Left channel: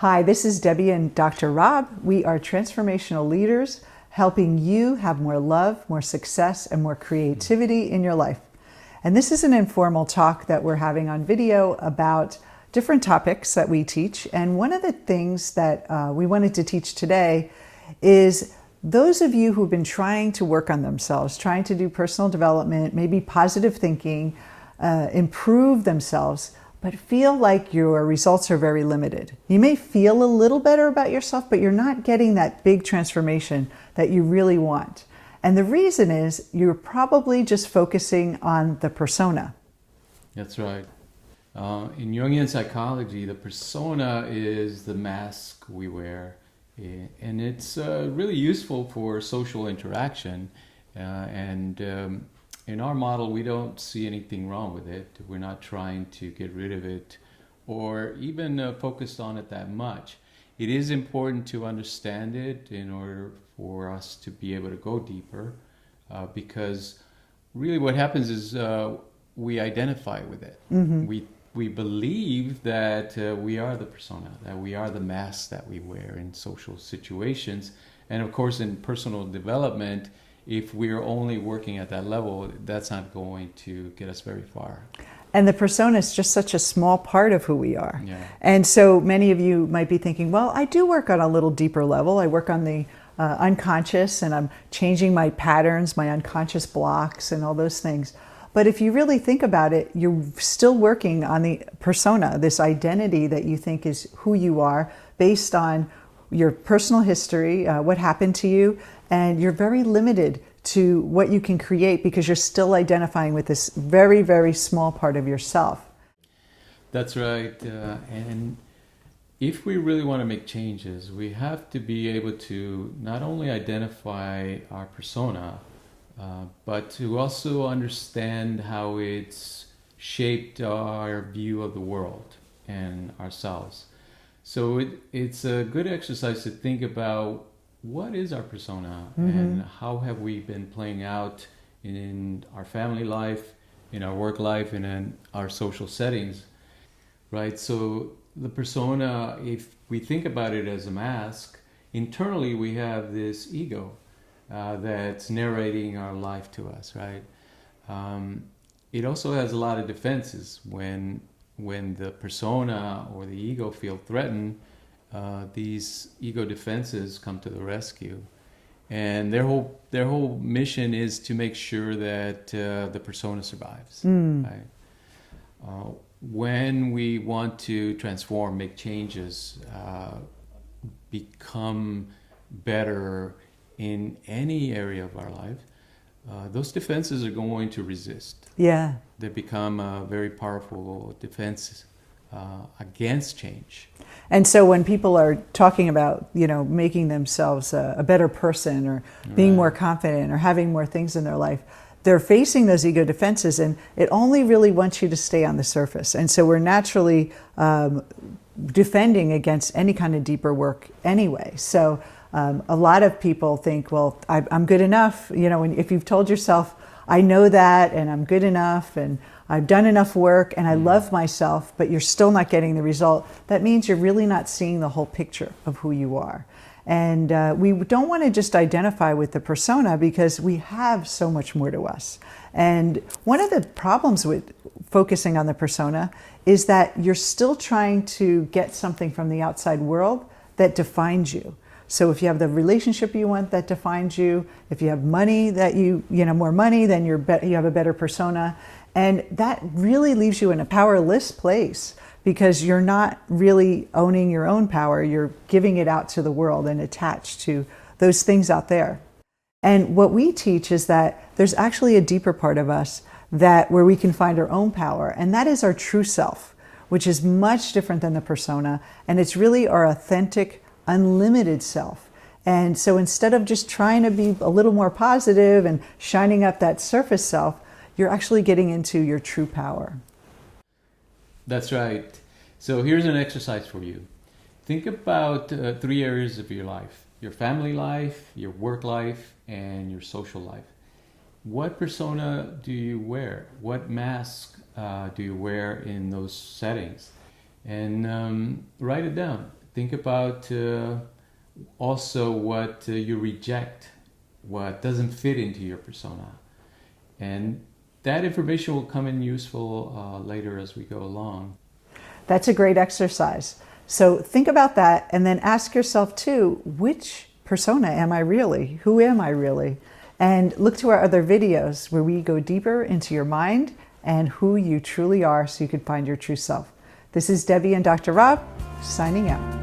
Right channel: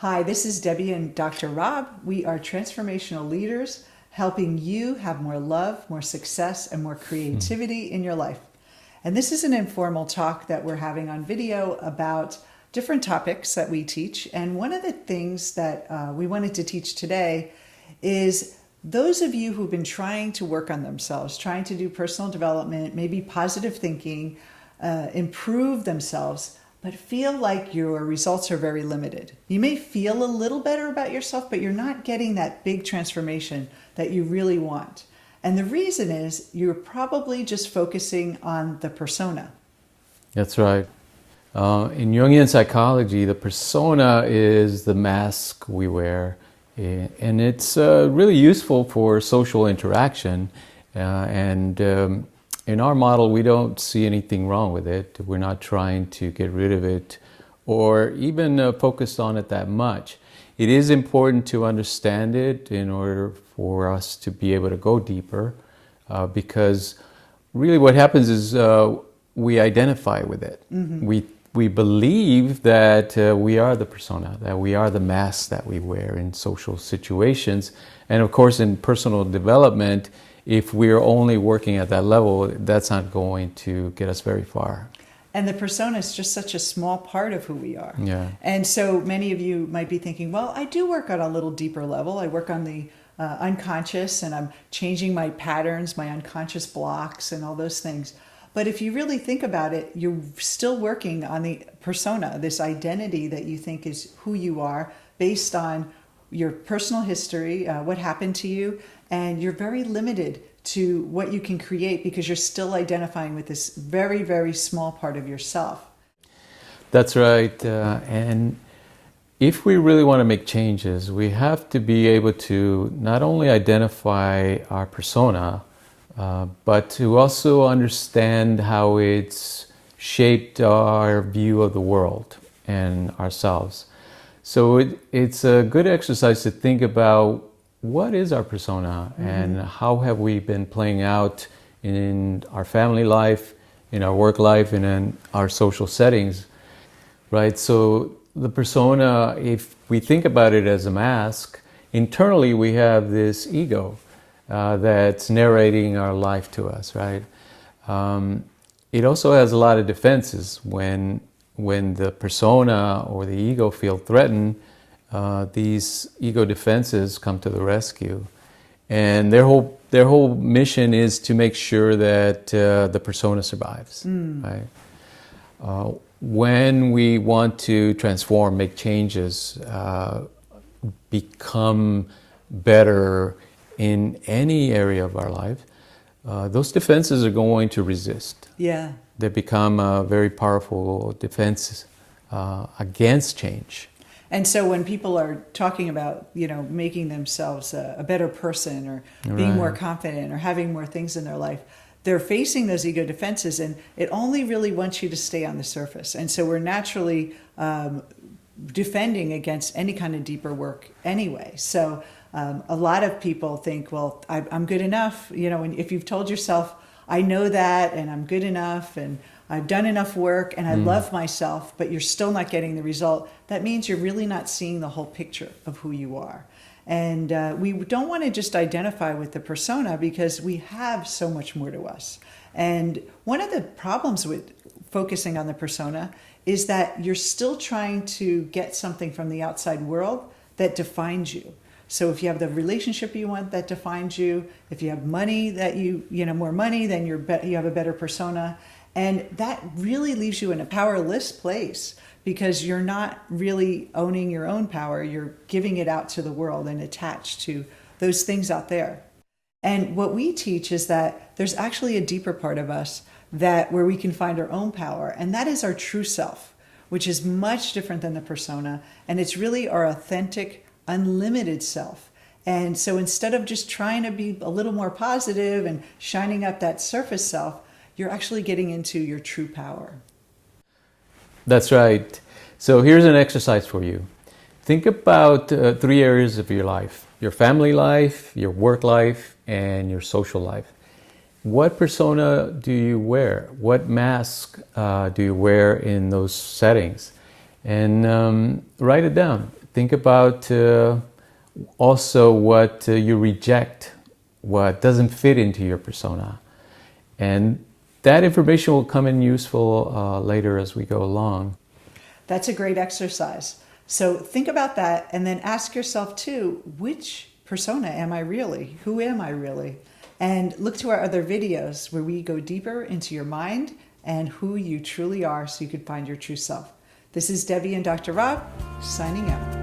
Hi, this is Debbie and Dr. Rob. We are transformational leaders helping you have more love, more success, and more creativity in your life. And this is an informal talk that we're having on video about different topics that we teach. And one of the things that we wanted to teach today is those of you who've been trying to work on themselves, trying to do personal development, maybe positive thinking, improve themselves, but feel like your results are very limited. You may feel a little better about yourself, but you're not getting that big transformation that you really want. And the reason is you're probably just focusing on the persona. That's right. In Jungian psychology, the persona is the mask we wear, and it's really useful for social interaction. In our model, we don't see anything wrong with it. We're not trying to get rid of it or even focus on it that much. It is important to understand it in order for us to be able to go deeper, because really what happens is we identify with it. Mm-hmm. We believe that we are the persona, that we are the mask that we wear in social situations. And of course, in personal development, if we're only working at that level, that's not going to get us very far. And the persona is just such a small part of who we are. Yeah. And so many of you might be thinking, well, I do work on a little deeper level. I work on the unconscious, and I'm changing my patterns, my unconscious blocks, and all those things. But if you really think about it, you're still working on the persona, this identity that you think is who you are based on your personal history, what happened to you, and you're very limited to what you can create because you're still identifying with this very, very small part of yourself. That's right. And if we really want to make changes, we have to be able to not only identify our persona, but to also understand how it's shaped our view of the world and ourselves. So it's a good exercise to think about what is our persona, mm-hmm. and how have we been playing out in our family life, in our work life, and in our social settings, right? So the persona, if we think about it as a mask, internally we have this ego that's narrating our life to us, right? It also has a lot of defenses. When the persona or the ego feel threatened, these ego defenses come to the rescue, and their whole mission is to make sure that the persona survives. Right? When we want to transform, make changes, become better in any area of our life, those defenses are going to resist. Yeah, they become a very powerful defense against change. And so when people are talking about, making themselves a better person or being more confident or having more things in their life, they're facing those ego defenses, and it only really wants you to stay on the surface. And so we're naturally defending against any kind of deeper work anyway. So a lot of people think, well, I'm good enough. If you've told yourself, I know that, and I'm good enough, and I've done enough work, and I love myself, but you're still not getting the result, that means you're really not seeing the whole picture of who you are. And we don't want to just identify with the persona because we have so much more to us. And one of the problems with focusing on the persona is that you're still trying to get something from the outside world that defines you. So if you have the relationship you want, that defines you. If you have money, that more money, then you have a better persona. And that really leaves you in a powerless place because you're not really owning your own power. You're giving it out to the world and attached to those things out there. And what we teach is that there's actually a deeper part of us where we can find our own power. And that is our true self, which is much different than the persona. And it's really our authentic, unlimited self. And so instead of just trying to be a little more positive and shining up that surface self, you're actually getting into your true power. That's right. So here's an exercise for you. Think about 3 areas of your life: your family life, your work life, and your social life. What persona do you wear? What mask do you wear in those settings? And write it down. Think about also what you reject, what doesn't fit into your persona. And that information will come in useful later as we go along. That's a great exercise. So think about that and then ask yourself too, which persona am I really? Who am I really? And look to our other videos where we go deeper into your mind and who you truly are so you can find your true self. This is Debbie and Dr. Rob signing out.